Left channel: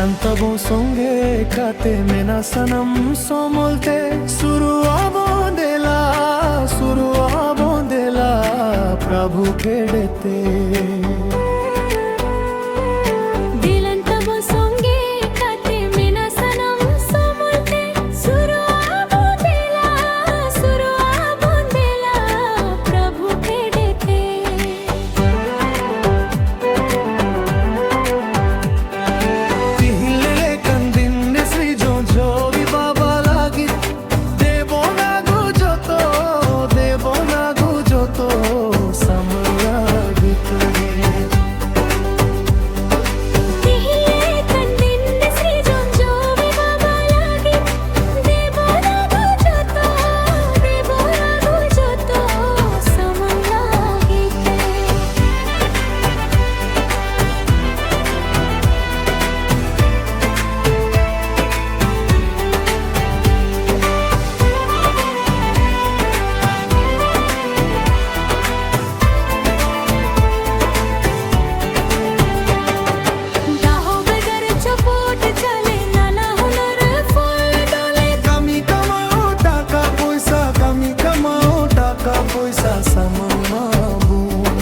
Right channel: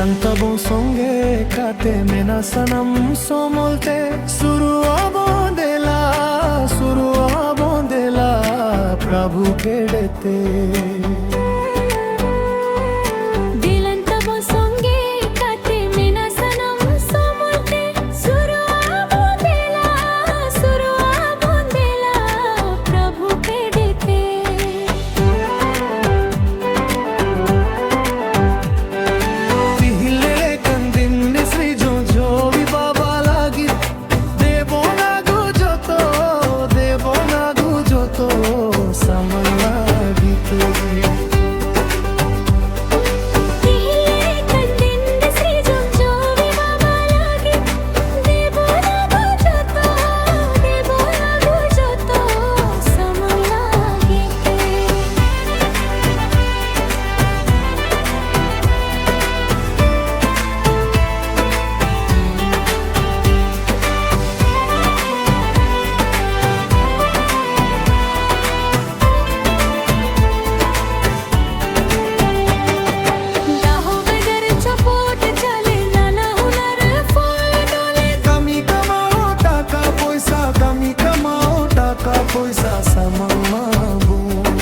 Dilantabo songe kate mena sanam somolte suru abondela prabhu kedete पैसा samang mabun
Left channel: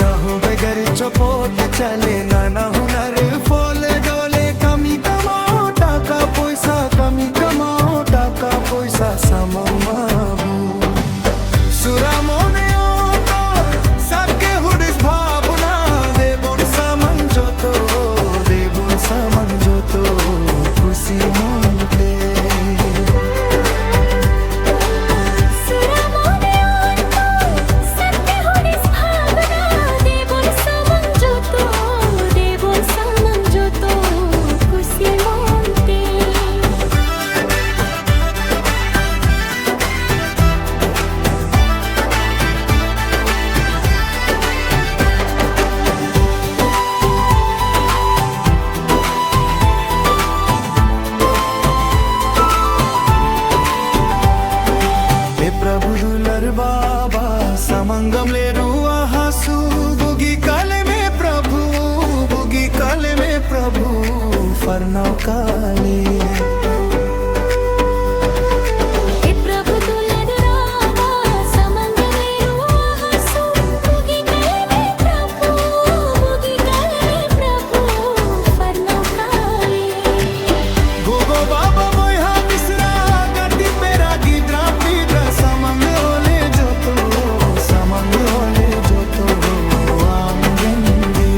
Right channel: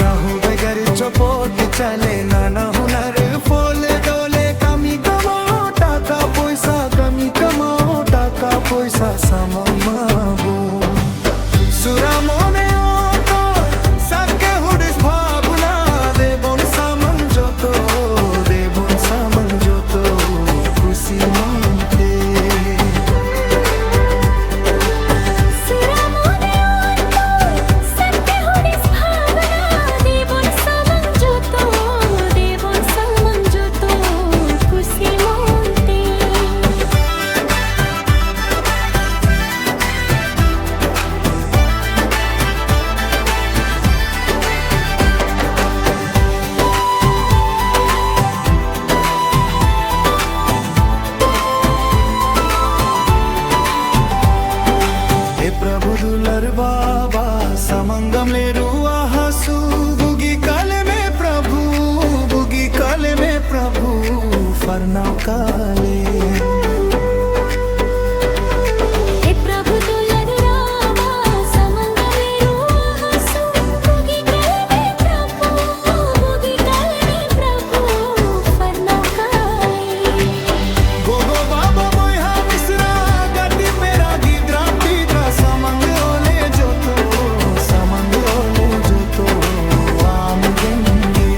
Kaho begar chopot chale nana hunar fole dole kami kamao taka poisa samang mabun Sura mone oto sakke hudis bhabna devon samang joto kusi monte प्रभु दुलर बाबा समंगम ले रुआ हसू बुगी काले में प्रभु फरनाव काले प्रभु दुलर बाबा समंगम ले रुआ हसू बुगी काले में प्रभु फरनाव काले गोगो बाबा बोया मिश्रा गटी पेरा गिद्रा पिद्रा samang ole joto am genge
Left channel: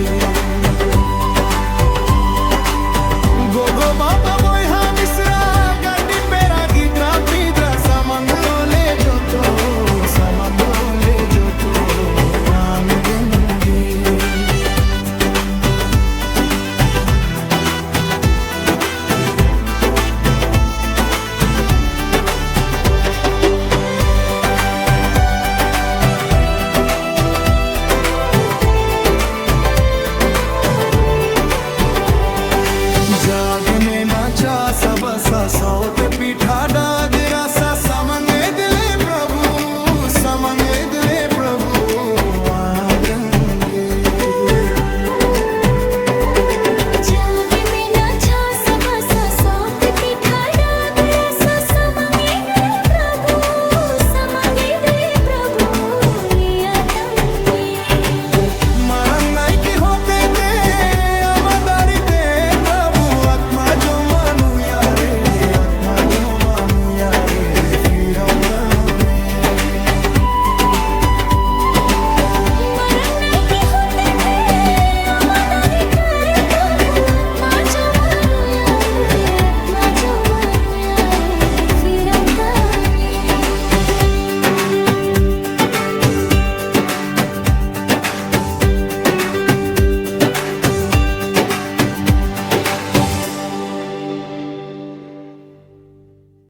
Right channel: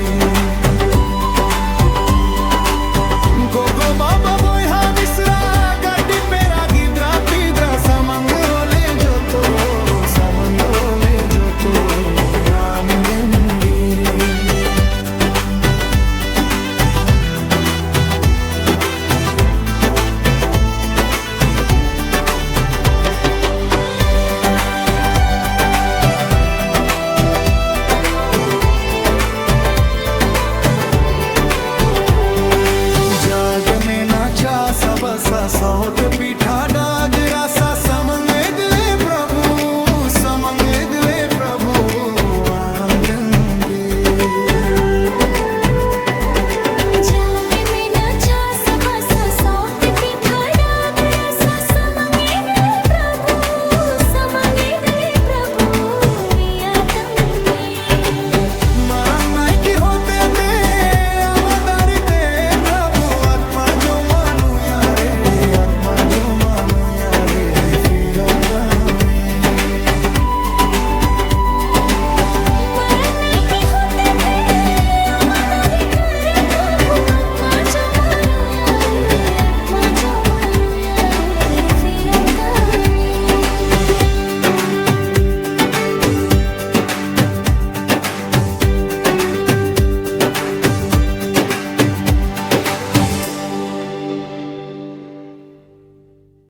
gogo baba boy ha misra gadi pera gidra pidra samang ole joto am genge जाग में नाचा सब सौत पीठा डाग रासा समंगे दिले प्रभु आम